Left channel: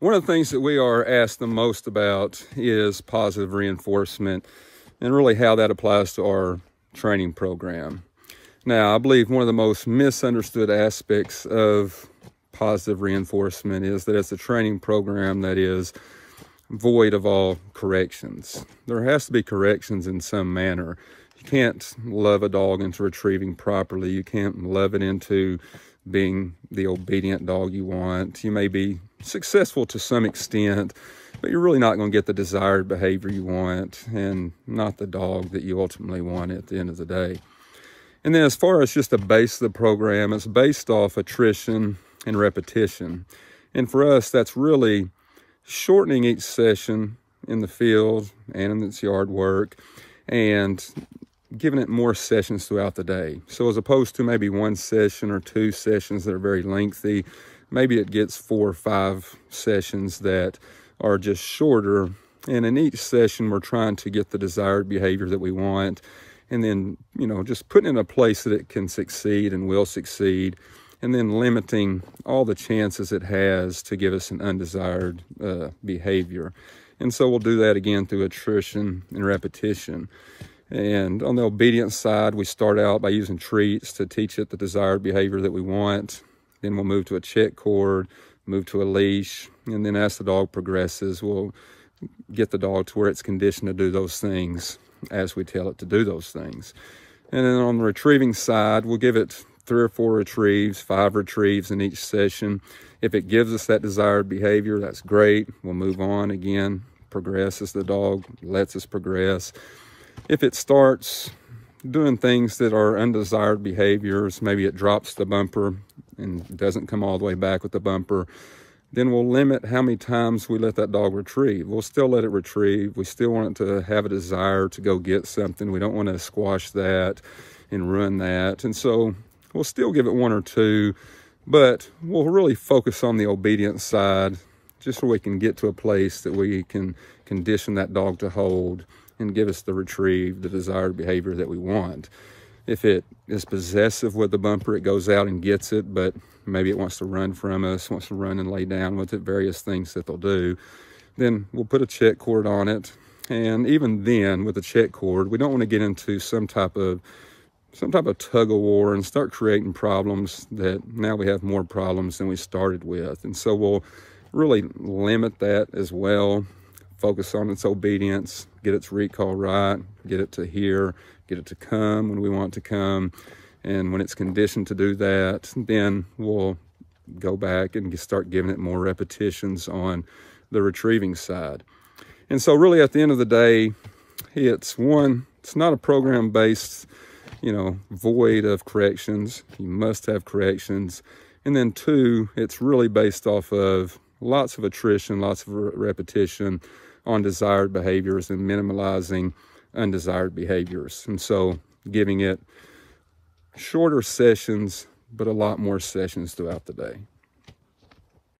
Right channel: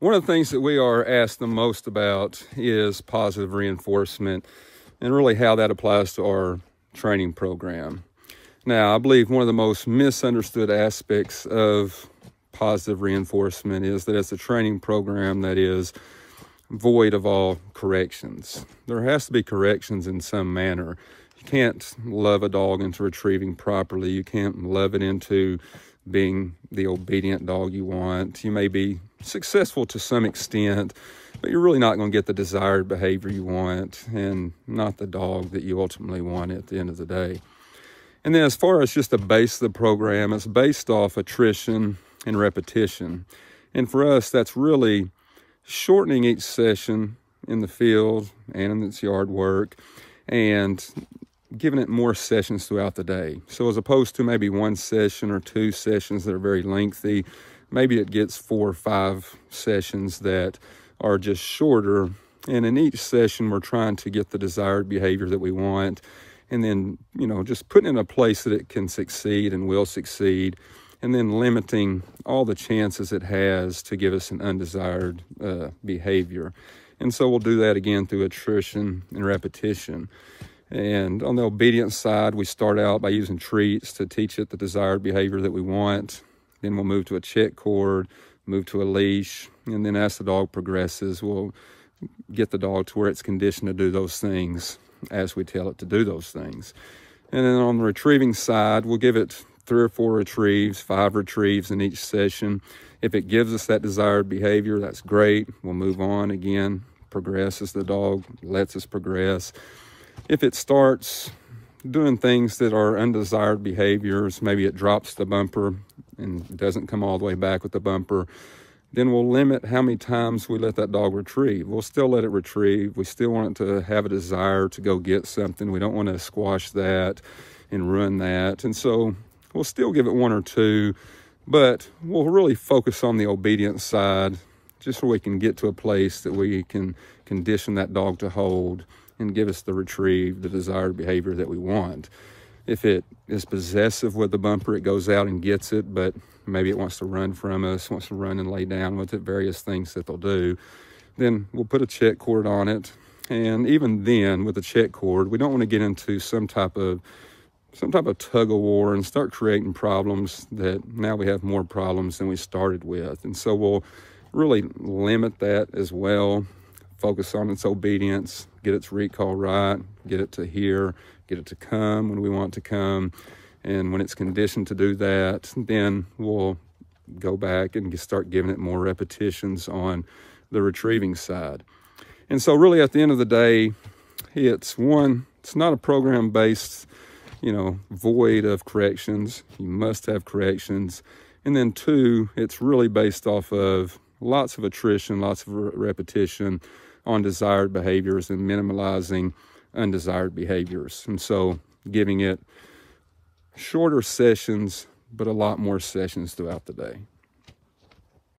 One of the things that we are asked the most about is positive reinforcement and really how that applies to our training program. Now, I believe one of the most misunderstood aspects of positive reinforcement is that it's a training program that is void of all corrections. There has to be corrections in some manner. You can't love a dog into retrieving properly. You can't love it into being the obedient dog you want. You may be successful to some extent, but you're really not going to get the desired behavior you want and not the dog that you ultimately want at the end of the day. And then as far as just the base of the program, it's based off attrition and repetition. And for us, that's really shortening each session in the field and in its yard work and giving it more sessions throughout the day. So as opposed to maybe one session or two sessions that are very lengthy, maybe it gets 4 or 5 sessions that are just shorter. And in each session, we're trying to get the desired behavior that we want. And then, just putting it in a place that it can succeed and will succeed. And then limiting all the chances it has to give us an undesired behavior. And so we'll do that again through attrition and repetition. And on the obedience side, we start out by using treats to teach it the desired behavior that we want. Then we'll move to a check cord, move to a leash, and then as the dog progresses, we'll get the dog to where it's conditioned to do those things as we tell it to do those things. And then on the retrieving side, we'll give it 3 or 4 retrieves, 5 retrieves in each session. If it gives us that desired behavior, that's great. We'll move on again, progress as the dog lets us progress. If it starts doing things that are undesired behaviors, maybe it drops the bumper and doesn't come all the way back with the bumper, then we'll limit how many times we let that dog retrieve. We'll still let it retrieve. We still want it to have a desire to go get something. We don't want to squash that and ruin that. And so we'll still give it 1 or 2, but we'll really focus on the obedience side just so we can get to a place that we can condition that dog to hold and give us the retrieve, the desired behavior that we want. If it is possessive with the bumper, it goes out and gets it, but maybe it wants to run from us, wants to run and lay down with it, various things that they'll do. Then we'll put a check cord on it. And even then, with the check cord, we don't want to get into some type of tug of war and start creating problems that now we have more problems than we started with. And so we'll really limit that as well. Focus on its obedience, get its recall right, get it to hear, get it to come when we want to come. And when it's conditioned to do that, then we'll go back and start giving it more repetitions on the retrieving side. And so really at the end of the day, it's not a program based, void of corrections. You must have corrections. And then 2, it's really based off of lots of attrition, lots of repetition on desired behaviors and minimalizing undesired behaviors. And so giving it shorter sessions, but a lot more sessions throughout the day.